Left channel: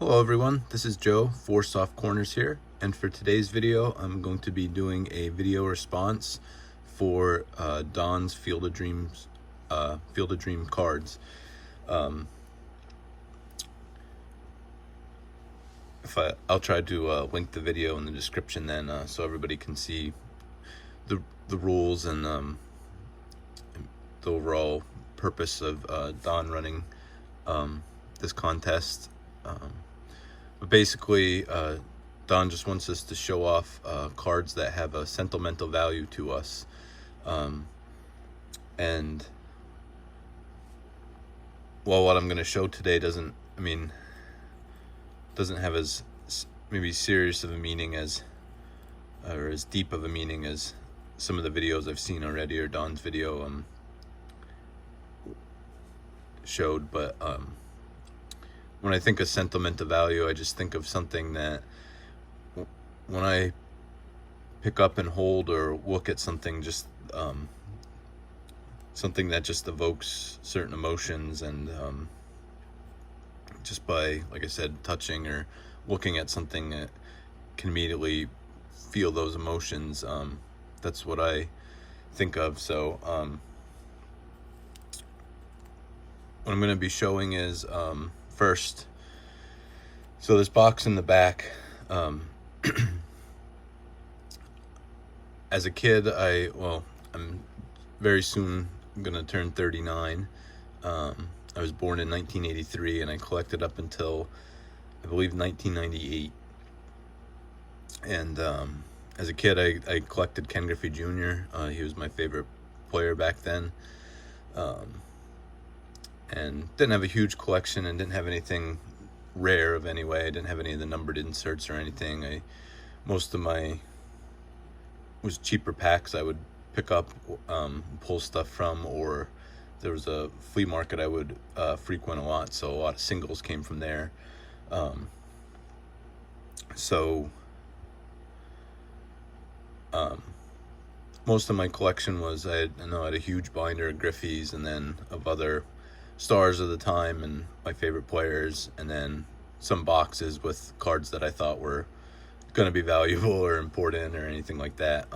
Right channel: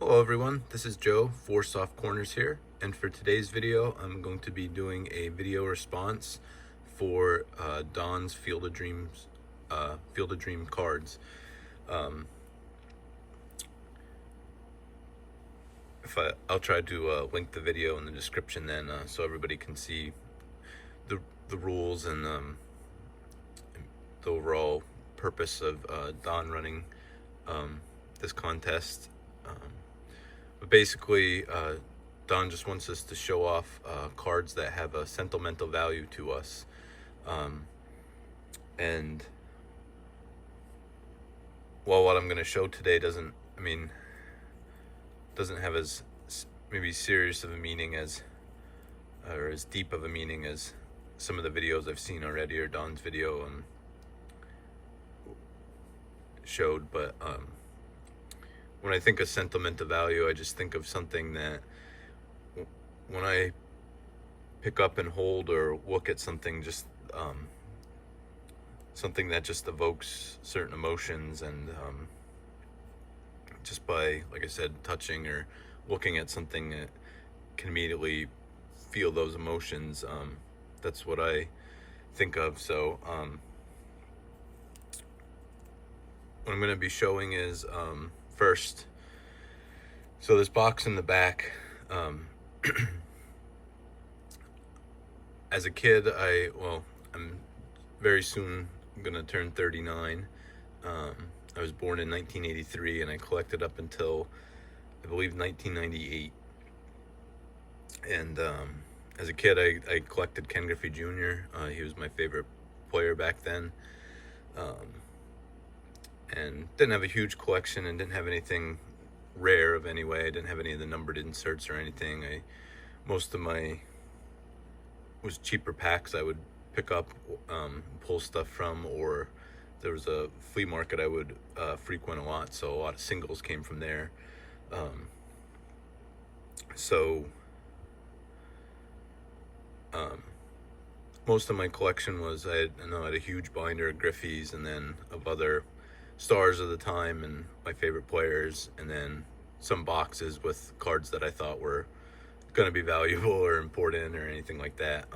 Hello everyone, this is Joe for Soft Corners here, and for today's video I'm going to be doing a video response for Don's Field of Dream cards. I'll try to link the video in the description then, so everybody can see the rules and the overall purpose of Don running this contest. But basically, Don just wants us to show off cards that have a sentimental value to us. And while what I'm going to show today doesn't have as maybe serious of a meaning as, or as deep of a meaning as some of the videos I've seen already, or Don's video showed, but when I think of sentimental value, I just think of something that when I pick up and hold or look at something, just something that just evokes certain emotions, and just by, like I said, touching or looking at something that can immediately feel those emotions. That's what I think of. So what I'm going to be showing is first, so this box in the back, as a kid, I'm very soon gonna turn 39. I was born in 1983, and I collected up until, I believe, 1998. And as a kid, I collected Ken Griffey Jr. He was my favorite player back then. And didn't have a huge collection, and didn't have anything rare of any way. I didn't have any of the numbered inserts or anything. Most of my was cheaper packs I would pick up, pull stuff from, or there was a flea market I would frequent a lot, so a lot of singles came from there. Most of my collection was, I had a huge binder of Griffeys, and then of other stars of the time and my favorite players, and then some boxes with cards that I thought were going to be valuable or important or anything like that.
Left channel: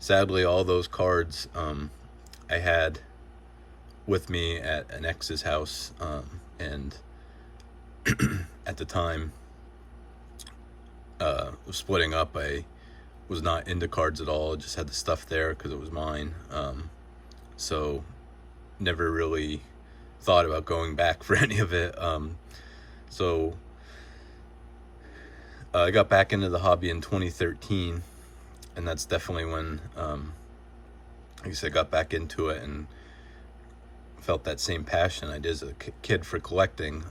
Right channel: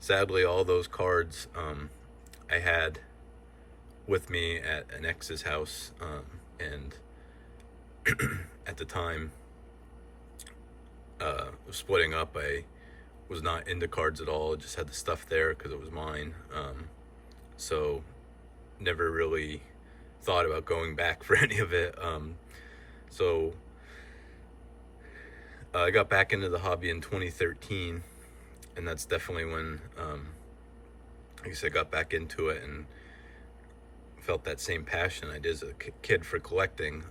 Sadly, all those cards I had with me at an ex's house, and at the time of splitting up, I was not into cards at all. I just had the stuff there because it was mine. So never really thought about going back for any of it. So I got back into the hobby in 2013, and that's definitely when I guess I got back into it and felt that same passion I did as a kid for collecting.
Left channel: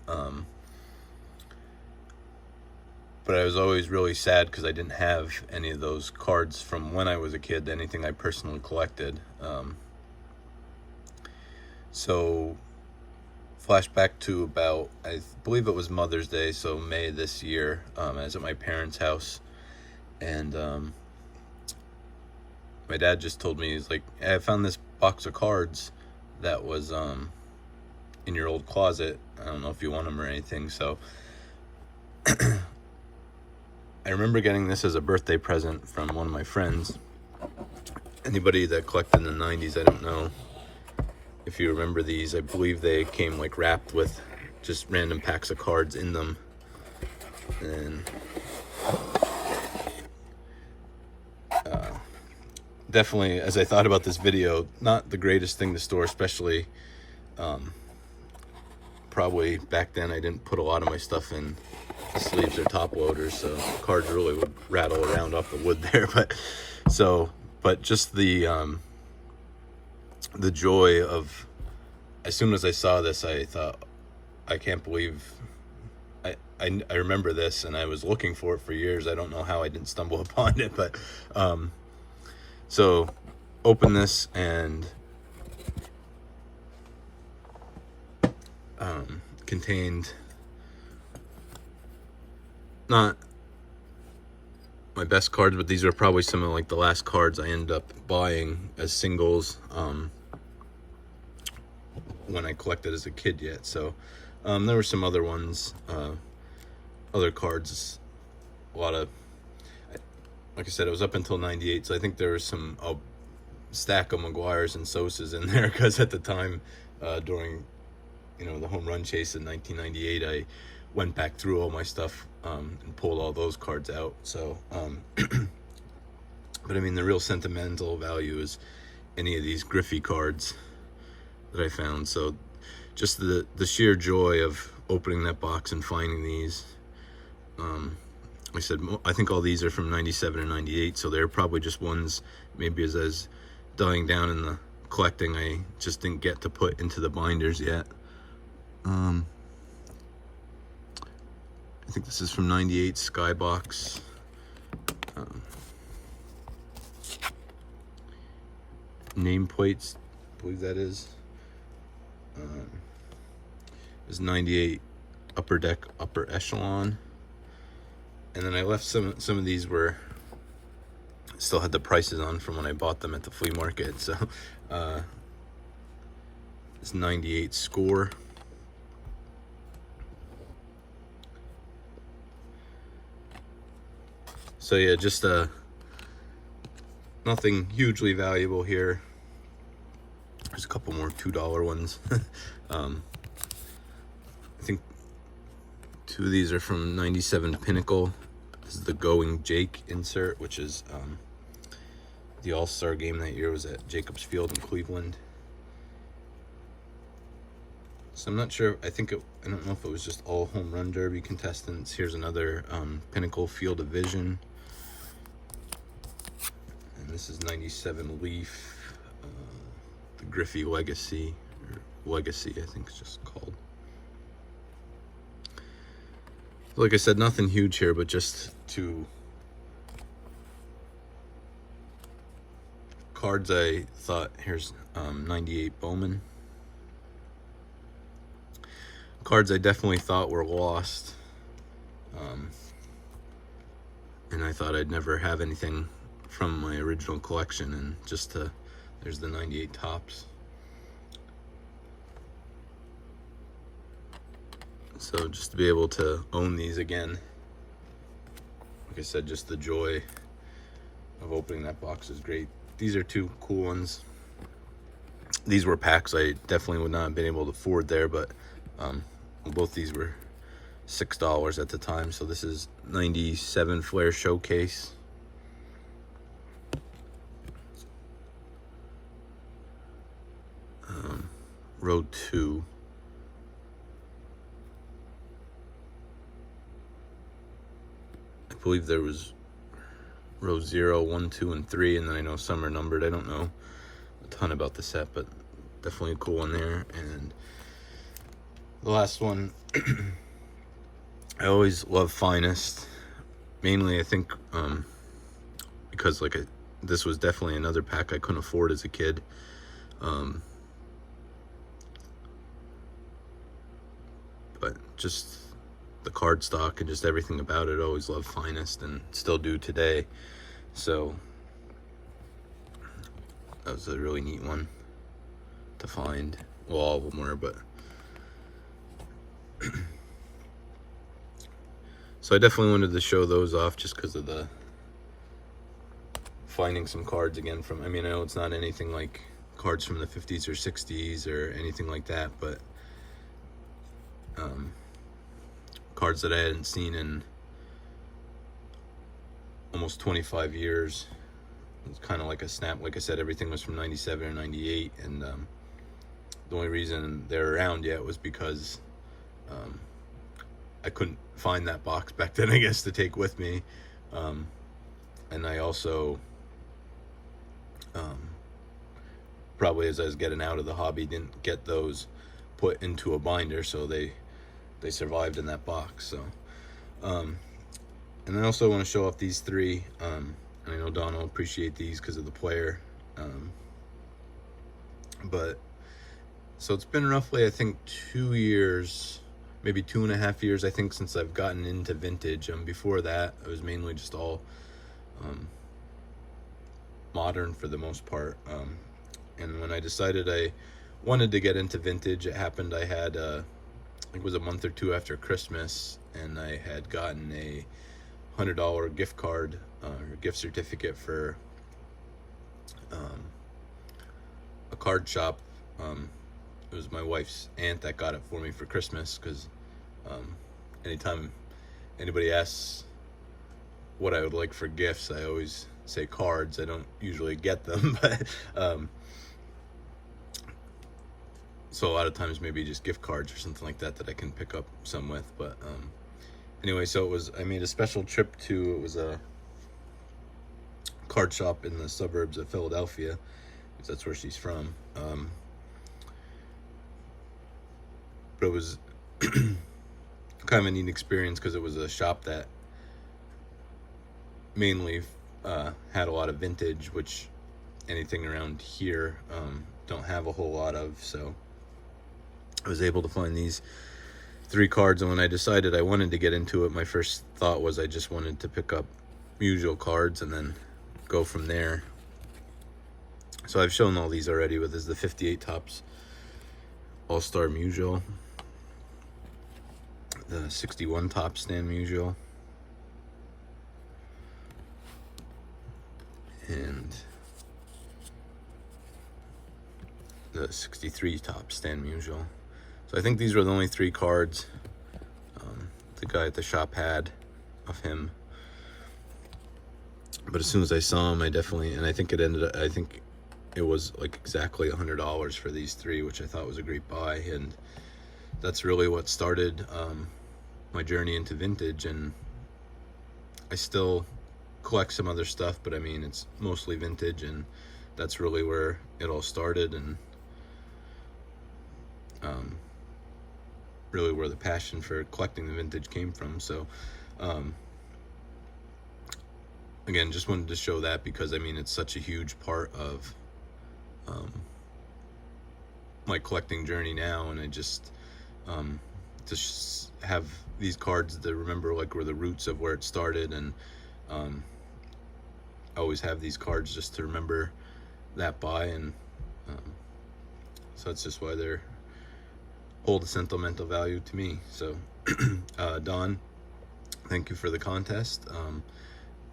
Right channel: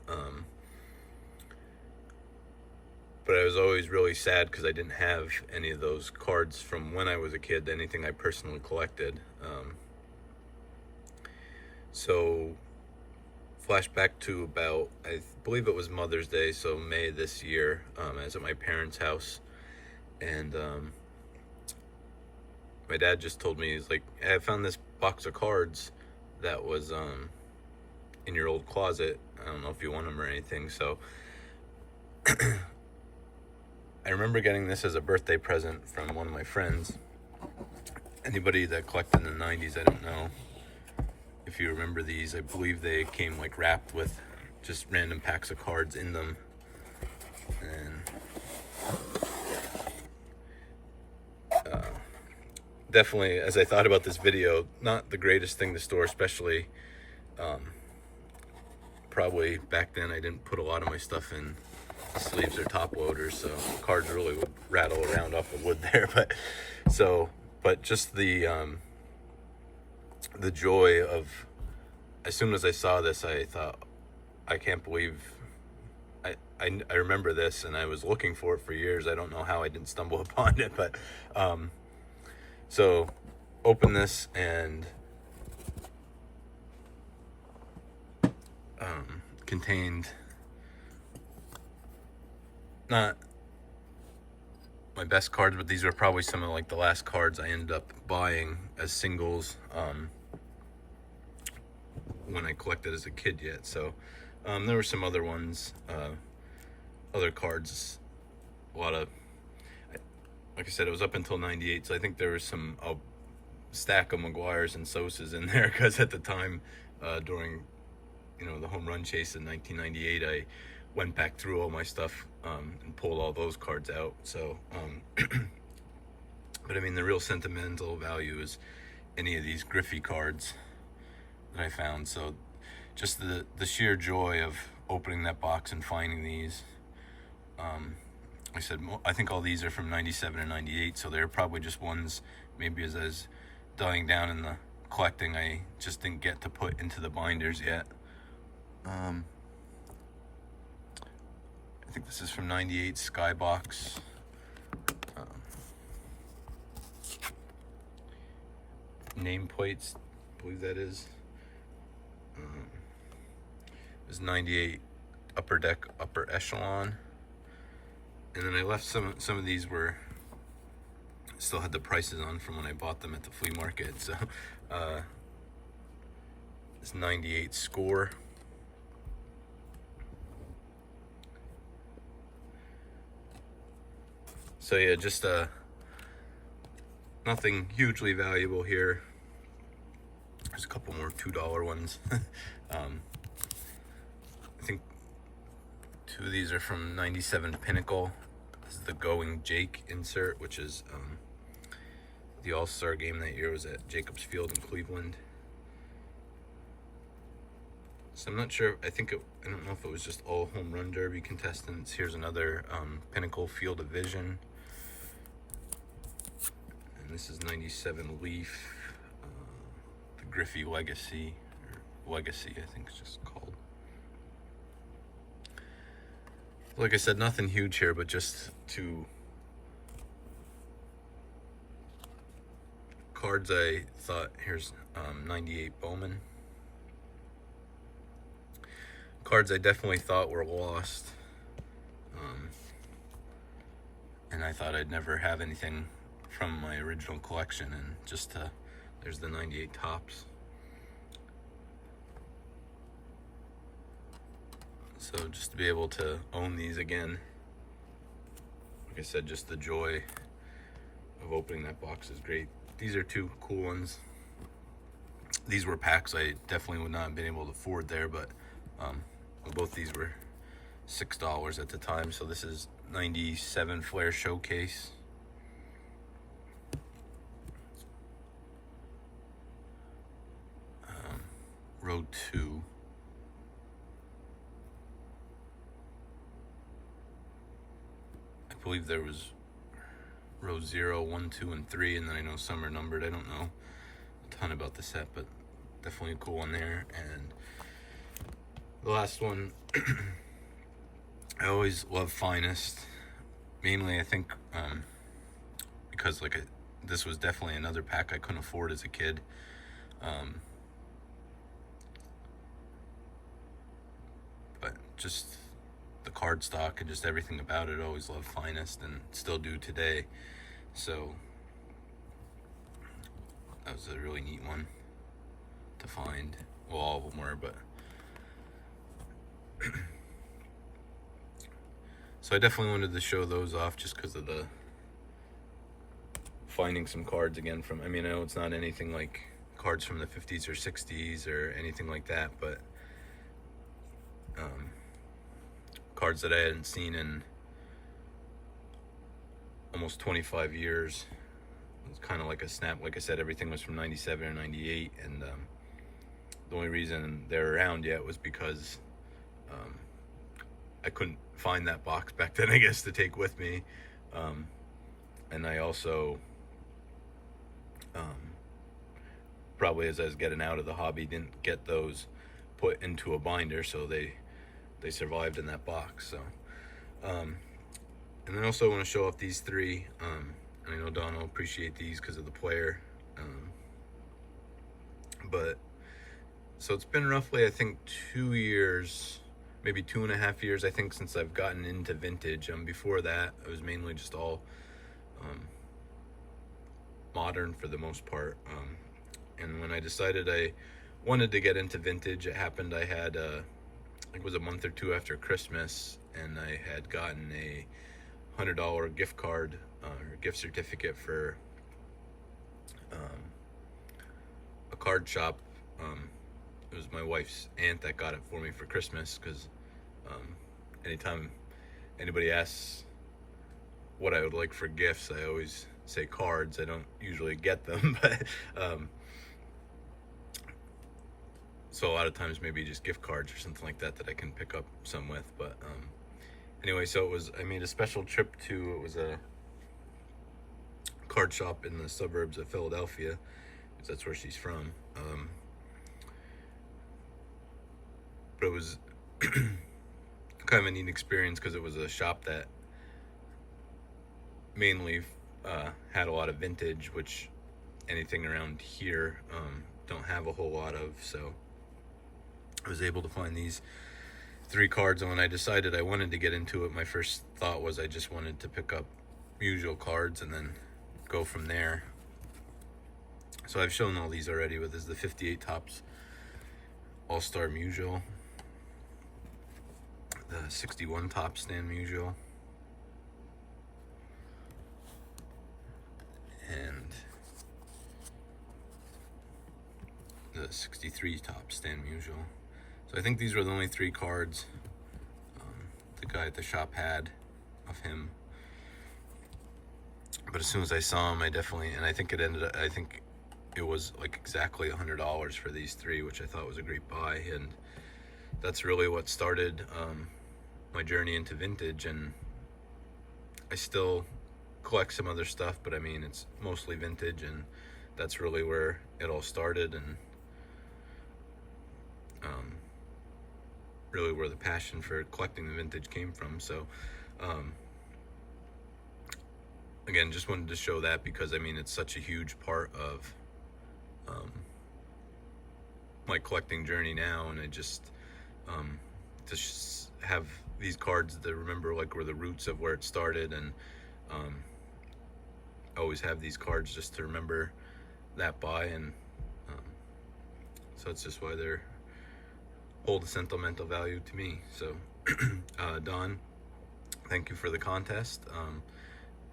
But I was always really sad because I didn't have any of those cards from when I was a kid, anything I personally collected. So flashback to about, I believe it was Mother's Day, so May this year. I was at my parents' house, and my dad just told me, he's like, hey, I found this box of cards that was in your old closet. I don't know if you want them or anything. So I remember getting this as a birthday present from one of my friends. Anybody that collected in the 90s, I don't know if you remember these. I believe they came like wrapped with just random packs of cards in them. And definitely, as I thought about this video, not the greatest thing to store, especially probably back then I didn't put a lot of my stuff in the sleeves or top loaders, so the cards really would rattle around off the wood there. But just the joy of, as soon as I saw this, I thought, I can't believe I remember this, and I was looking for it for years. I don't know how I didn't stumble upon it, but so open this, and contained not my best cards, but these are probably some of like the last cards I ended up buying as singles when I collected as a kid yet. So there were some other ones other cards. A lot of, like I said, it was up until 98, so I think there was some stack of McGuire's and Sosas in there, because at the time, during the home run chase in 1998, I went back through all my stuff and pulled all those cards out. So but I mean, the real sentimental value is any of these Griffey cards that I found. So just the sheer joy of opening that box and finding these. I said, I think all these are from 97 and 98, so they're probably just ones, maybe as I was dying down in the collecting, I just didn't get to put into the binders yet. I think this is from 98 Skybox. Nameplates, I believe that is. This is 98 Upper Deck, Upper Echelon. And then I left some of these where I still had the prices on from when I bought them at the flea market. So it's 98 Score. So yeah, just nothing hugely valuable here. There's a couple more $2 ones. I think 2 of these are from 97 Pinnacle. This is the Going Jake insert, which is the All-Star game that year was at Jacobs Field in Cleveland. So I'm not sure, I don't know if it was just all home run derby contestants. Here's another Pinnacle Field of Vision. And this is 97 Leaf, the Griffey Legacy, or Legacy I think it's just called. Like I said, nothing huge here, but just 2 cards I thought. Here's 98 Bowman. Cards I definitely thought were lost. And I thought I'd never have anything from my original collection, and just there's the 98 Topps. So just to be able to own these again, like I said, just the joy of opening that box is great. These are 2 cool ones. These were packs I definitely would not have been able to afford there, but both these were $6 at the time. So this is 97 Flair Showcase. Row 2. I believe there was row 0, 1, 2, and 3, and then I know some are numbered. I don't know a ton about the set, but definitely a cool one there. And the last one, I always love Finest. Mainly, I think, because this was definitely another pack I couldn't afford as a kid. But just the card stock and just everything about it, I always loved Finest and still do today. So that was a really neat one to find. Well, all of them were, but so I definitely wanted to show those off just because of the finding some cards again from, I mean, I know it's not anything like cards from the 50s or 60s or anything like that, but cards that I hadn't seen in almost 25 years. It's kind of like a snap. Like I said, everything was from 97 or 98, and the only reason they're around yet was because I couldn't find that box back then, I guess, to take with me. And I also probably, as I was getting out of the hobby, didn't get those put into a binder, so they survived in that box. So and I also want to show off these 3, and I know Don will appreciate these because of the player. But so it's been roughly, I think, 2 years, maybe 2.5 years, I think, since I've gotten into vintage. Before that, it was mainly just all modern for the most part. And when I decided I wanted to get into vintage, it happened I had I think it was a month or 2 after Christmas, and I had gotten a $100 gift card or gift certificate for a card shop. It was my wife's aunt that got it for me for Christmas, because anytime anybody asks what I would like for gifts, I always say cards. I don't usually get them, but so a lot of times maybe just gift cards or something like that I can pick up some with. But anyway, so I made a special trip to, it was a card shop in the suburbs of Philadelphia, because that's where she's from. But it was kind of a neat experience, because it was a shop that mainly had a lot of vintage, which anything around here don't have a whole lot of. So I was able to find these 3 cards, and when I decided I wanted to get into it, my first thought was I just wanted to pick up usual cards and then go from there. So I've shown all these already, but this is the 58 Topps All-Star Musial, the 61 Topps Stan Musial, and the 63 Topps Stan Musial. So I think these were the only 3 cards the guy at the shop had of him. But as soon as I saw him, I definitely, and I think it was like exactly $100 for these 3, which I thought was a great buy. And that's really what started my journey into vintage. And I still collect some other stuff, but I mean, it's mostly vintage, and that's really where it all started, and really where the passion for collecting the vintage came from. So again, just wanted to show that, because I mean, it's such a huge part of my collecting journey now, and I just have these cards to remember like were the roots of where it started, and I always have these cards just to remember that buy, and so that's just why they're hold a sentimental value to me. So Don, thank you for the contest.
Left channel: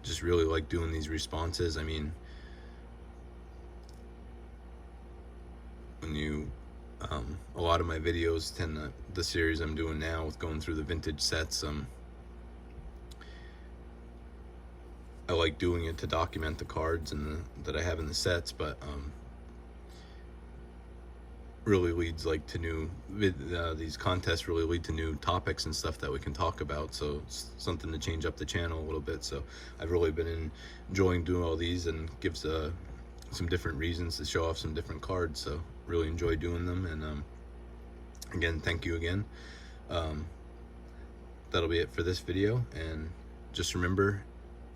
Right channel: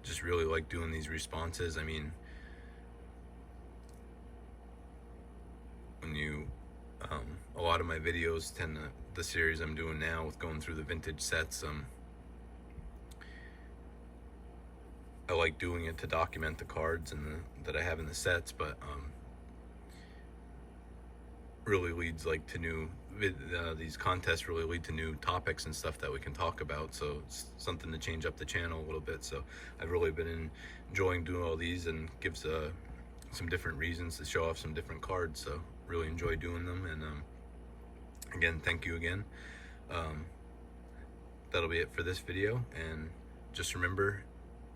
Just really like doing these responses. I mean, when you a lot of my videos tend to, the series I'm doing now with going through the vintage sets, I like doing it to document the cards and that I have in the sets, but really leads like to new these contests really lead to new topics and stuff that we can talk about, so it's something to change up the channel a little bit. So I've really been enjoying doing all these, and gives some different reasons to show off some different cards, so really enjoy doing them. And again, thank you again. That'll be it for this video, and just remember,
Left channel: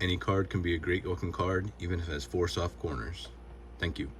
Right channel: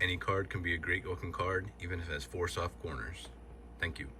any card can be a great looking card, even if it has 4 soft corners. Thank you.